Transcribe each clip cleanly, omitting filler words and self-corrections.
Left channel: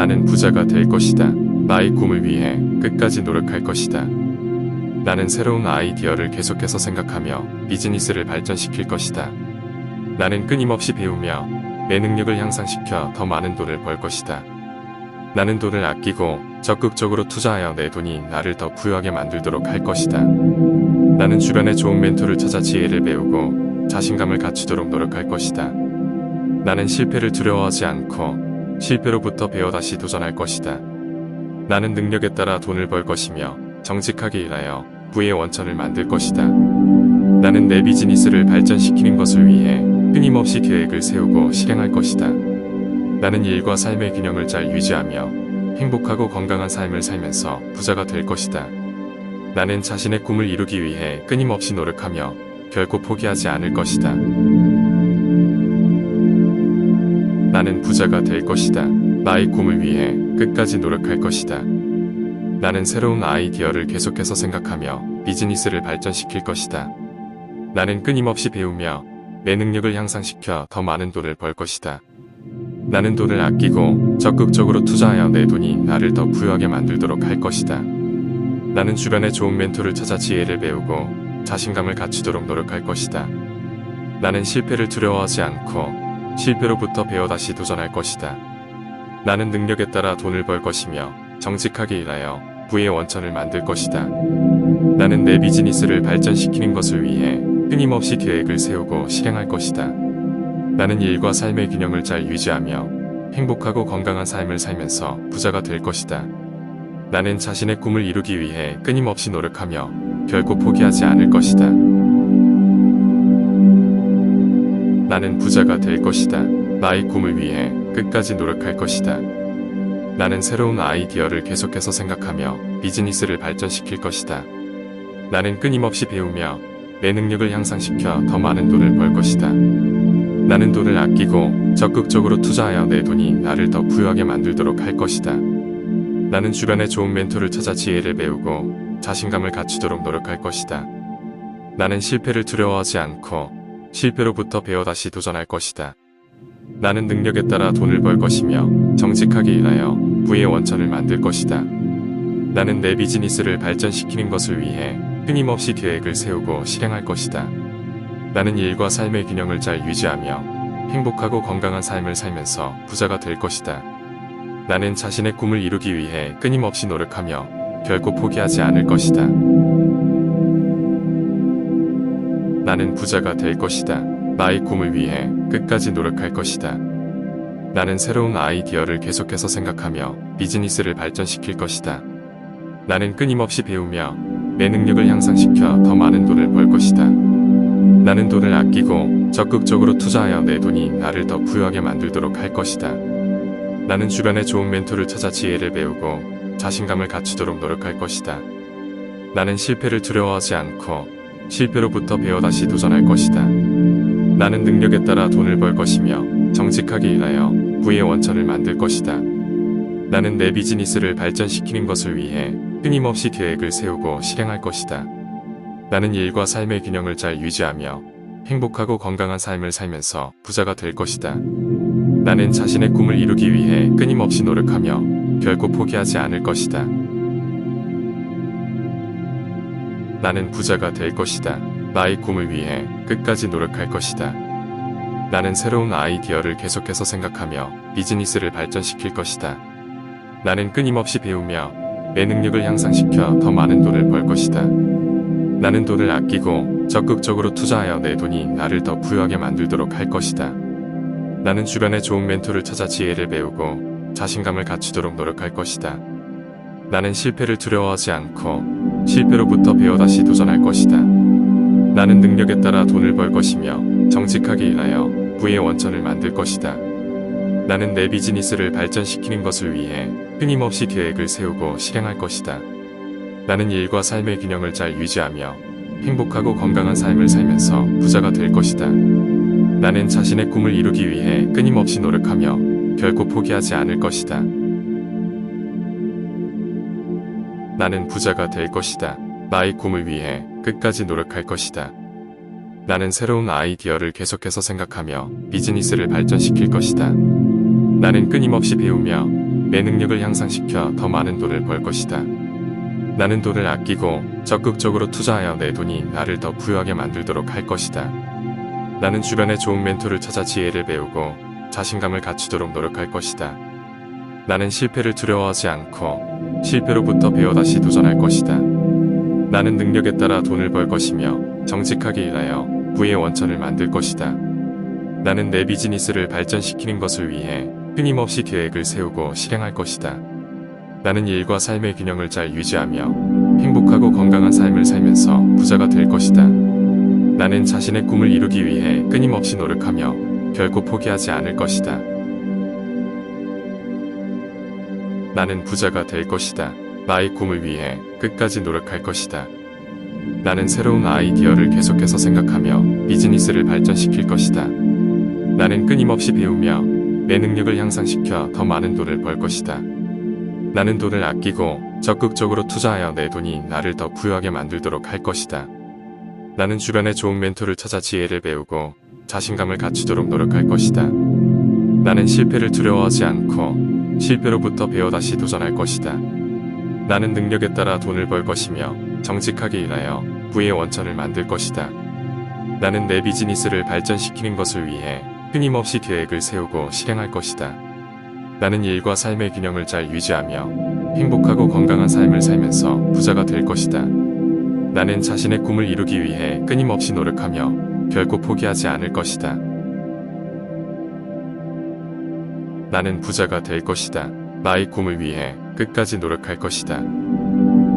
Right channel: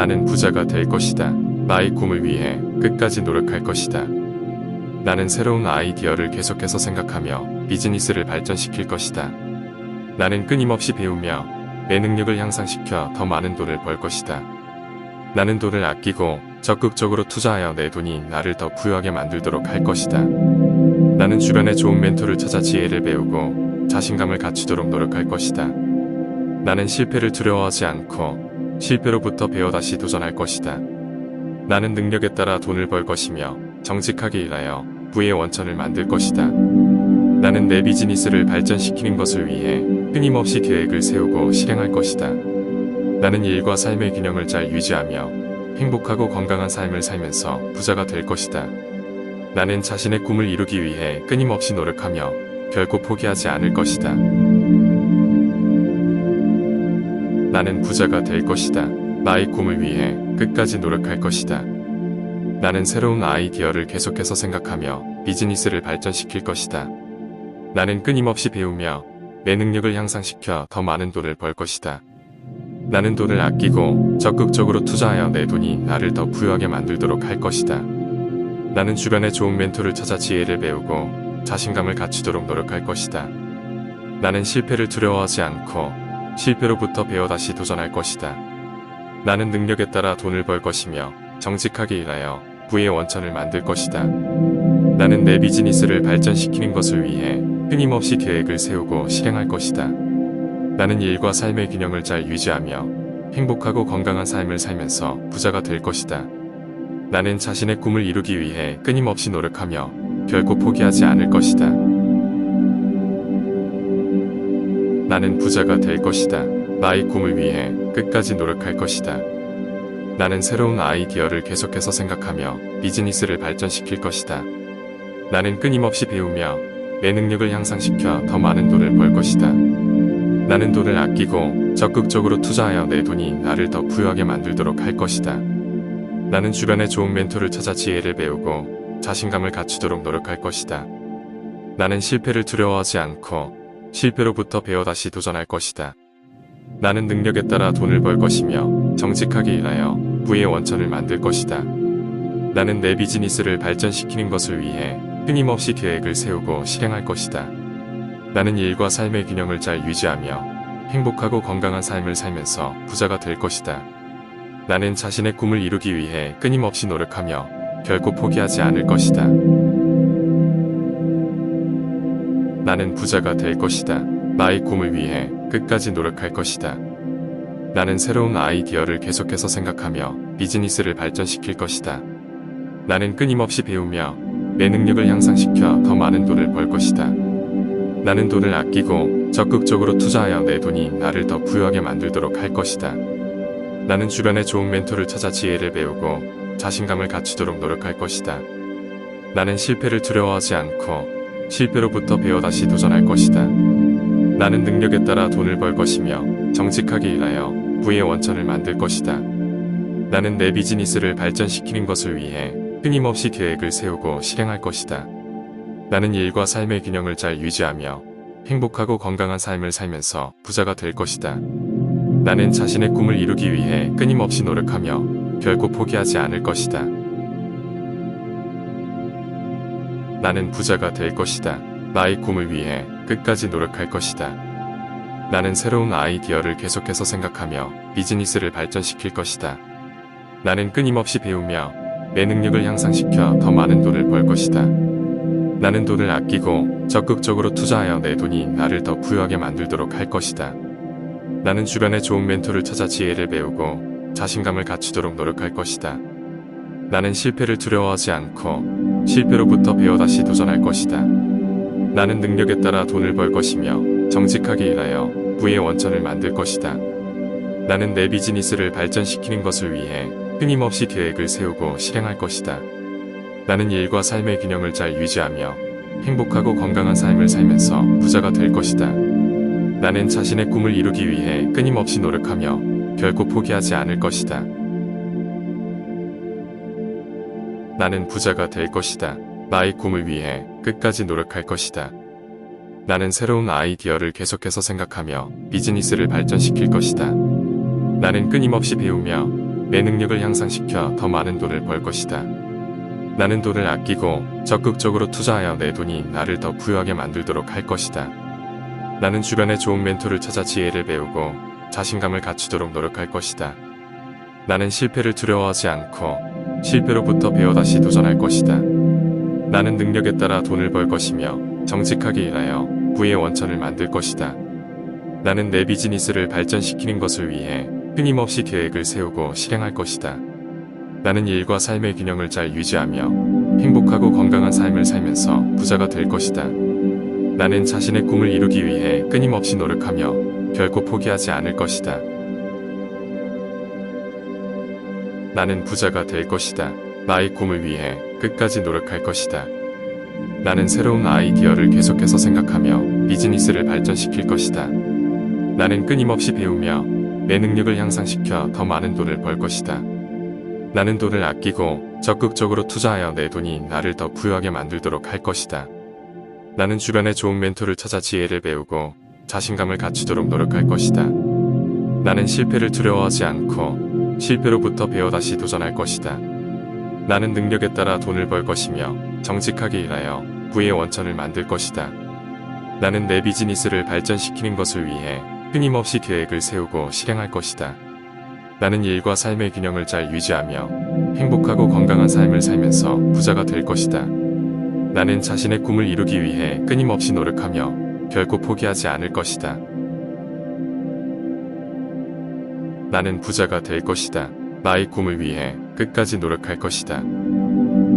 나는 부자가 될 것이다. 나의 꿈을 위해 끝까지 노력할 것이다. 나는 새로운 아이디어를 계속해서 생각하며 비즈니스를 발전시킬 것이다. 나는 끊임없이 배우며 내 능력을 향상시켜 더 많은 돈을 벌 것이다. 나는 돈을 아끼고 적극적으로 투자하여 내 돈이 나를 더 부유하게 만들도록 할 것이다. 나는 주변에 좋은 멘토를 찾아 지혜를 배우고 자신감을 갖추도록 노력할 것이다. 나는 실패를 두려워하지 않고 실패로부터 배워 다시 도전할 것이다. 나는 능력에 따라 돈을 벌 것이며 정직하게 일하여 부의 원천을 만들 것이다. 나는 내 비즈니스를 발전시키는 것을 위해 끊임없이 계획을 세우고 실행할 것이다. 나는 일과 삶의 균형을 잘 유지하며 행복하고 건강한 삶을 살면서 부자가 될 것이다. 나는 자신의 꿈을 이루기 위해 끊임없이 노력하며 결코 포기하지 않을 것이다. 나는 부자가 될 것이다. 나의 꿈을 위해 끝까지 노력할 것이다. 나는 새로운 아이디어를 계속해서 생각하며 비즈니스를 발전시킬 것이다. 나는 끊임없이 배우며 내 능력을 향상시켜 더 많은 돈을 벌 것이다. 나는 돈을 아끼고 적극적으로 투자하여 내 돈이 나를 더 부유하게 만들도록 할 것이다. 나는 주변에 좋은 멘토를 찾아 지혜를 배우고 자신감을 갖추도록 노력할 것이다. 나는 실패를 두려워하지 않고 실패로부터 배워 다시 도전할 것이다. 나는 능력에 따라 돈을 벌 것이며 정직하게 일하여 부의 원천을 만들 것이다. 나는 내 비즈니스를 발전시키는 것을 위해 끊임없이 계획을 세우고 실행할 것이다. 나는 일과 삶의 균형을 잘 유지하며 행복하고 건강한 삶을 살면서 부자가 될 것이다. 나는 자신의 꿈을 이루기 위해 끊임없이 노력하며 결코 포기하지 않을 것이다. 나는 부자가 될 것이다. 나의 꿈을 위해 끝까지 노력할 것이다. 나는 새로운 아이디어를 계속해서 생각하며 비즈니스를 발전시킬 것이다. 나는 끊임없이 배우며 내 능력을 향상시켜 더 많은 돈을 벌 것이다. 나는 돈을 아끼고 적극적으로 투자하여 내 돈이 나를 더 부유하게 만들도록 할 것이다. 나는 주변에 좋은 멘토를 찾아 지혜를 배우고 자신감을 갖추도록 노력할 것이다. 나는 실패를 두려워하지 않고 실패로부터 배워 다시 도전할 것이다. 나는 능력에 따라 돈을 벌 것이며 정직하게 일하여 부의 원천을 만들 것이다. 나는 내 비즈니스를 발전시키는 것을 위해 끊임없이 계획을 세우고 실행할 것이다. 나는 일과 삶의 균형을 잘 유지하며 행복하고 건강한 삶을 살면서 부자가 될 것이다. 나는 자신의 꿈을 이루기 위해 끊임없이 노력하며 결코 포기하지 않을 것이다. 나는 부자가 될 것이다. 나의 꿈을 위해 끝까지 노력할 것이다. 나는 새로운 아이디어를 계속해서 생각하며 비즈니스를 발전시킬 것이다. 나는 끊임없이 배우며 내 능력을 향상시켜 더 많은 돈을 벌 것이다. 나는 돈을 아끼고 적극적으로 투자하여 내 돈이 나를 더 부유하게 만들도록 할 것이다. 나는 주변에 좋은 멘토를 찾아 지혜를 배우고 자신감을 갖추도록 노력할 것이다. 나는 실패를 두려워하지 않고 실패로부터 배워 다시 도전할 것이다. 나는 능력에 따라 돈을 벌 것이며 정직하게 일하여 부의 원천을 만들 것이다. 나는 내 비즈니스를 발전시키는 것을 위해 끊임없이 계획을 세우고 실행할 것이다. 나는 일과 삶의 균형을 잘 유지하며 행복하고 건강한 삶을 살면서 부자가 될 것이다. 나는 자신의 꿈을 이루기 위해 끊임없이 노력하며 결코 포기하지 않을 것이다. 나는 부자가 될 것이다. 나의 꿈을 위해 끝까지 노력할 것이다. 나는 새로운 아이디어를 계속해서 생각하며 비즈니스를 발전시킬 것이다. 나는 끊임없이 배우며 내 능력을 향상시켜 더 많은 돈을 벌 것이다. 나는 돈을 아끼고 적극적으로 투자하여 내 돈이 나를 더 부유하게 만들도록 할 것이다. 나는 주변에 좋은 멘토를 찾아 지혜를 배우고 자신감을 갖추도록 노력할 것이다. 나는 실패를 두려워하지 않고 실패로부터 배워 다시 도전할 것이다. 나는 능력에 따라 돈을 벌 것이며 정직하게 일하여 부의 원천을 만들 것이다. 나는 내 비즈니스를 발전시키는 것을 위해 끊임없이 계획을 세우고 실행할 것이다. 나는 일과 삶의 균형을 잘 유지하며 행복하고 건강한 삶을 살면서 부자가 될 것이다. 나는 자신의 꿈을 이루기 위해 끊임없이 노력하며 결코 포기하지 않을 것이다. 나는 부자가 될 것이다. 나의 꿈을 위해 끝까지 노력할 것이다. 나는 새로운 아이디어를 계속해서 생각하며 비즈니스를 발전시킬 것이다. 나는 끊임없이 배우며 내 능력을 향상시켜 더 많은 돈을 벌 것이다. 나는 돈을 아끼고 적극적으로 투자하여 내 돈이 나를 더 부유하게 만들도록 할 것이다. 나는 주변에 좋은 멘토를 찾아 지혜를 배우고 자신감을 갖추도록 노력할 것이다. 나는 실패를 두려워하지 않고 실패로부터 배워 다시 도전할 것이다. 나는 능력에 따라 돈을 벌 것이며 정직하게 일하여 부의 원천을 만들 것이다. 나는 내 비즈니스를 발전시키는 것을 위해 끊임없이 계획을 세우고 실행할 것이다. 나는 일과 삶의 균형을 잘 유지하며 행복하고 건강한 삶을 살면서 부자가 될 것이다. 나는 자신의 꿈을 이루기 위해 끊임없이 노력하며 결코 포기하지 않을 것이다. 나는 부자가 될 것이다. 나의 꿈을 위해 끝까지 노력할 것이다. 나는 새로운 아이디어를 계속해서 생각하며 비즈니스를 발전시킬 것이다. 나는 끊임없이 배우며 내 능력을 향상시켜 더 많은 돈을 벌 것이다. 나는 돈을 아끼고 적극적으로 투자하여 내 돈이 나를 더 부유하게 만들도록 할 것이다. 나는 주변에 좋은 멘토를 찾아 지혜를 배우고 자신감을 갖추도록 노력할 것이다. 나는 실패를 두려워하지 않고 실패로부터 배워 다시 도전할 것이다. 나는 능력에 따라 돈을 벌 것이며 정직하게 일하여 부의 원천을 만들 것이다. 나는 내 비즈니스를 발전시키는 것을 위해 끊임없이 계획을 세우고 실행할 것이다. 나는 일과 삶의 균형을 잘 유지하며 행복하고 건강한 삶을 살면서 부자가 될 것이다. 나는 자신의 꿈을 이루기 위해 끊임없이 노력하며 결코 포기하지 않을 것이다. 나는 부자가 될 것이다. 나의 꿈을 위해 끝까지 노력할 것이다.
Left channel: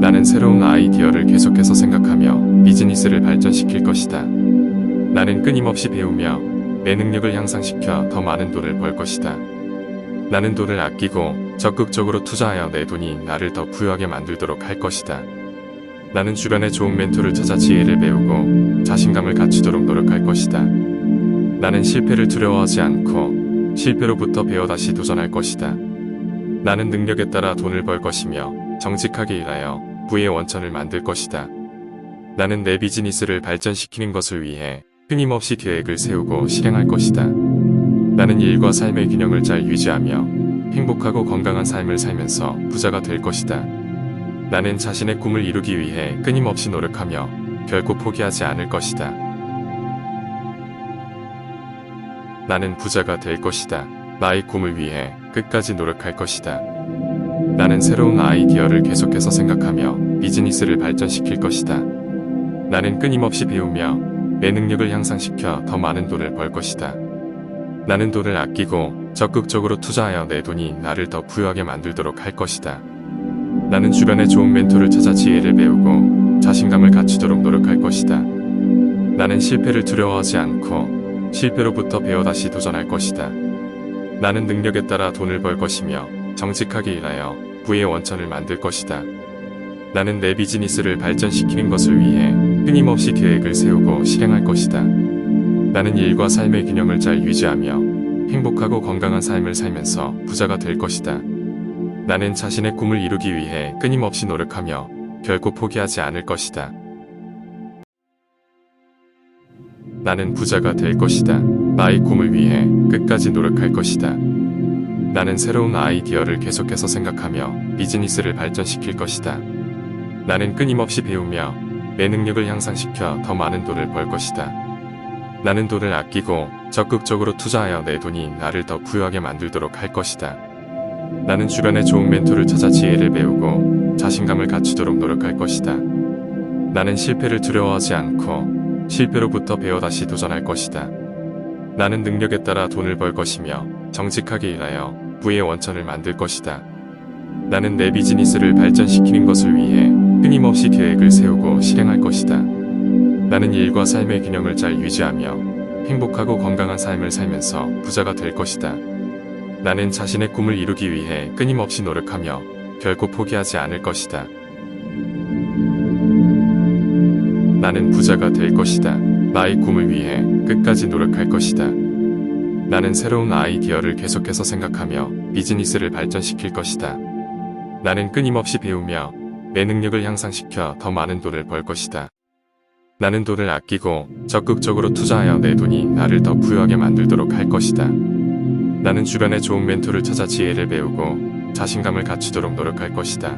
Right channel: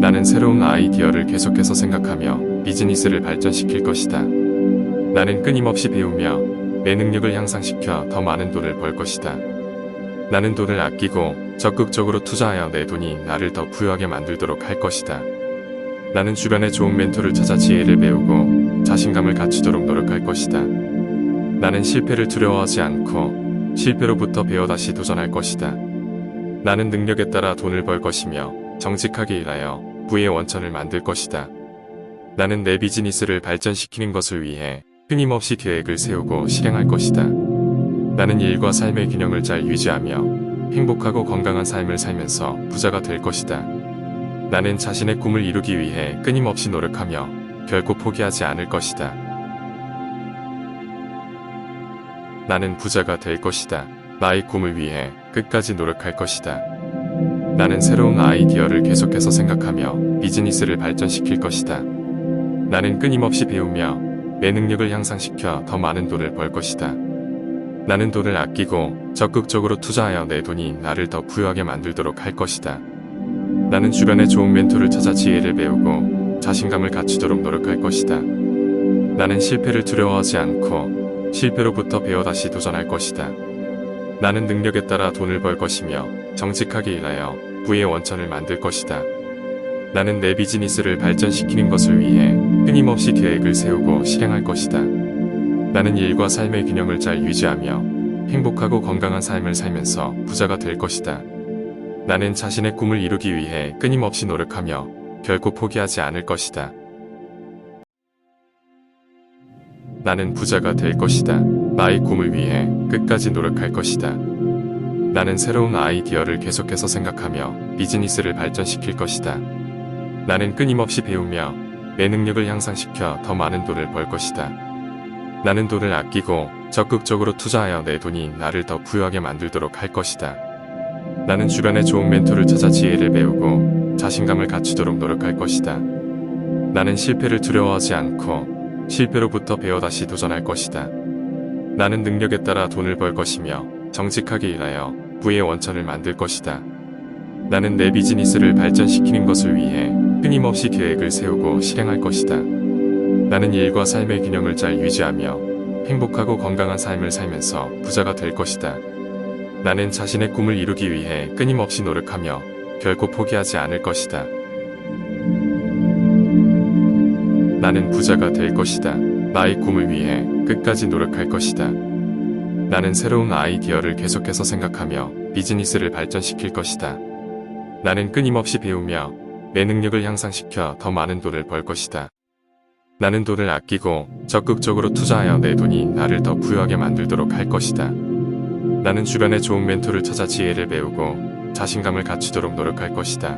나는 새로운 아이디어를 계속해서 생각하며 비즈니스를 발전시킬 것이다. 나는 끊임없이 배우며 내 능력을 향상시켜 더 많은 돈을 벌 것이다. 나는 돈을 아끼고 적극적으로 투자하여 내 돈이 나를 더 부유하게 만들도록 할 것이다. 나는 주변에 좋은 멘토를 찾아 지혜를 배우고 자신감을 갖추도록 노력할 것이다. 나는 실패를 두려워하지 않고 실패로부터 배워 다시 도전할 것이다. 나는 능력에 따라 돈을 벌 것이며 정직하게 일하여 부의 원천을 만들 것이다. 나는 내 비즈니스를 발전시키는 것을 위해 끊임없이 계획을 세우고 실행할 것이다. 나는 일과 삶의 균형을 잘 유지하며 행복하고 건강한 삶을 살면서 부자가 될 것이다. 나는 자신의 꿈을 이루기 위해 끊임없이 노력하며 결코 포기하지 않을 것이다. 나는 부자가 될 것이다. 나의 꿈을 위해 끝까지 노력할 것이다. 나는 새로운 아이디어를 계속해서 생각하며 비즈니스를 발전시킬 것이다. 나는 끊임없이 배우며 내 능력을 향상시켜 더 많은 돈을 벌 것이다. 나는 돈을 아끼고 적극적으로 투자하여 내 돈이 나를 더 부유하게 만들도록 할 것이다. 나는 주변에 좋은 멘토를 찾아 지혜를 배우고 자신감을 갖추도록 노력할 것이다. 나는 실패를 두려워하지 않고 실패로부터 배워 다시 도전할 것이다. 나는 능력에 따라 돈을 벌 것이며 정직하게 일하여 부의 원천을 만들 것이다. 나는 내 비즈니스를 발전시키는 것을 위해 끊임없이 계획을 세우고 실행할 것이다. 나는 일과 삶의 균형을 잘 유지하며 행복하고 건강한 삶을 살면서 부자가 될 것이다. 나는 자신의 꿈을 이루기 위해 끊임없이 노력하며 결코 포기하지 않을 것이다. 나는 부자가 될 것이다. 나의 꿈을 위해 끝까지 노력할 것이다. 나는 새로운 아이디어를 계속해서 생각하며 비즈니스를 발전시킬 것이다. 나는 끊임없이 배우며 내 능력을 향상시켜 더 많은 돈을 벌 것이다. 나는 돈을 아끼고 적극적으로 투자하여 내 돈이 나를 더 부유하게 만들도록 할 것이다. 나는 주변에 좋은 멘토를 찾아 지혜를 배우고 자신감을 갖추도록 노력할 것이다. 나는 실패를 두려워하지 않고 실패로부터 배워 다시 도전할 것이다. 나는 능력에 따라 돈을 벌 것이며 정직하게 일하여 부의 원천을 만들 것이다. 나는 내 비즈니스를 발전시키는 것을 위해 끊임없이 계획을 세우고 실행할 것이다. 나는 일과 삶의 균형을 잘 유지하며 행복하고 건강한 삶을 살면서 부자가 될 것이다. 나는 자신의 꿈을 이루기 위해 끊임없이 노력하며 결코 포기하지 않을 것이다. 나는 부자가 될 것이다. 나의 꿈을 위해 끝까지 노력할 것이다. 나는 새로운 아이디어를 계속해서 생각하며 비즈니스를 발전시킬 것이다. 나는 끊임없이 배우며 내 능력을 향상시켜 더 많은 돈을 벌 것이다. 나는 돈을 아끼고 적극적으로 투자하여 내 돈이 나를 더 부유하게 만들도록 할 것이다. 나는 주변에 좋은 멘토를 찾아 지혜를 배우고 자신감을 갖추도록 노력할 것이다.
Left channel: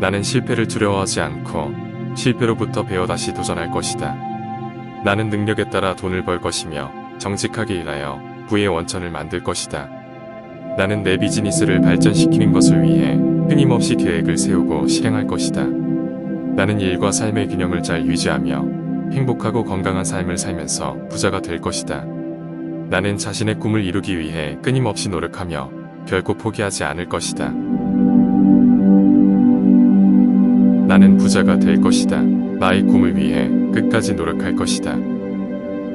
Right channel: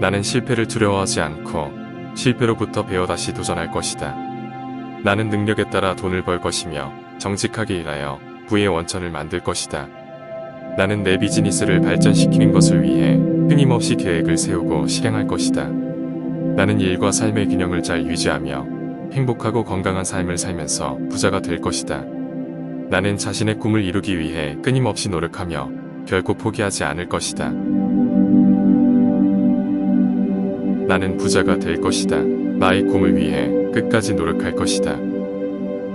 나는 실패를 두려워하지 않고 실패로부터 배워 다시 도전할 것이다. 나는 능력에 따라 돈을 벌 것이며 정직하게 일하여 부의 원천을 만들 것이다. 나는 내 비즈니스를 발전시키는 것을 위해 끊임없이 계획을 세우고 실행할 것이다. 나는 일과 삶의 균형을 잘 유지하며 행복하고 건강한 삶을 살면서 부자가 될 것이다. 나는 자신의 꿈을 이루기 위해 끊임없이 노력하며 결코 포기하지 않을 것이다. 나는 부자가 될 것이다. 나의 꿈을 위해 끝까지 노력할 것이다.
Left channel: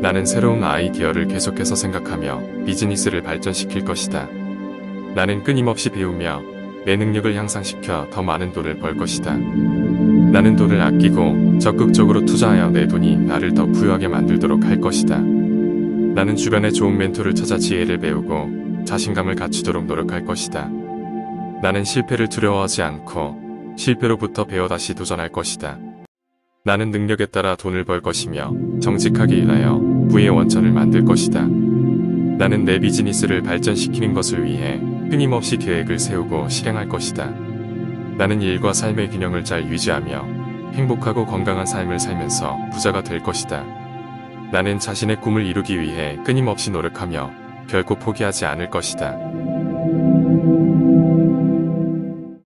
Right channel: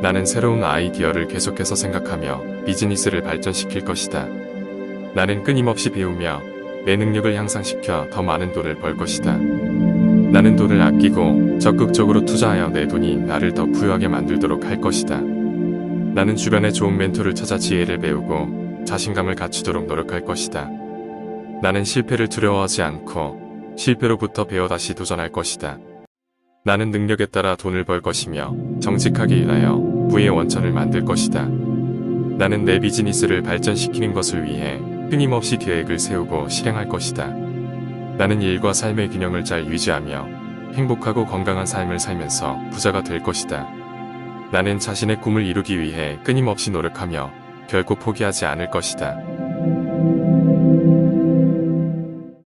나는 새로운 아이디어를 계속해서 생각하며 비즈니스를 발전시킬 것이다. 나는 끊임없이 배우며 내 능력을 향상시켜 더 많은 돈을 벌 것이다. 나는 돈을 아끼고 적극적으로 투자하여 내 돈이 나를 더 부유하게 만들도록 할 것이다. 나는 주변에 좋은 멘토를 찾아 지혜를 배우고 자신감을 갖추도록 노력할 것이다. 나는 실패를 두려워하지 않고 실패로부터 배워 다시 도전할 것이다. 나는 능력에 따라 돈을 벌 것이며 정직하게 일하여 부의 원천을 만들 것이다. 나는 내 비즈니스를 발전시키는 것을 위해 끊임없이 계획을 세우고 실행할 것이다. 나는 일과 삶의 균형을 잘 유지하며 행복하고 건강한 삶을 살면서 부자가 될 것이다. 나는 자신의 꿈을 이루기 위해 끊임없이 노력하며 결코 포기하지 않을 것이다.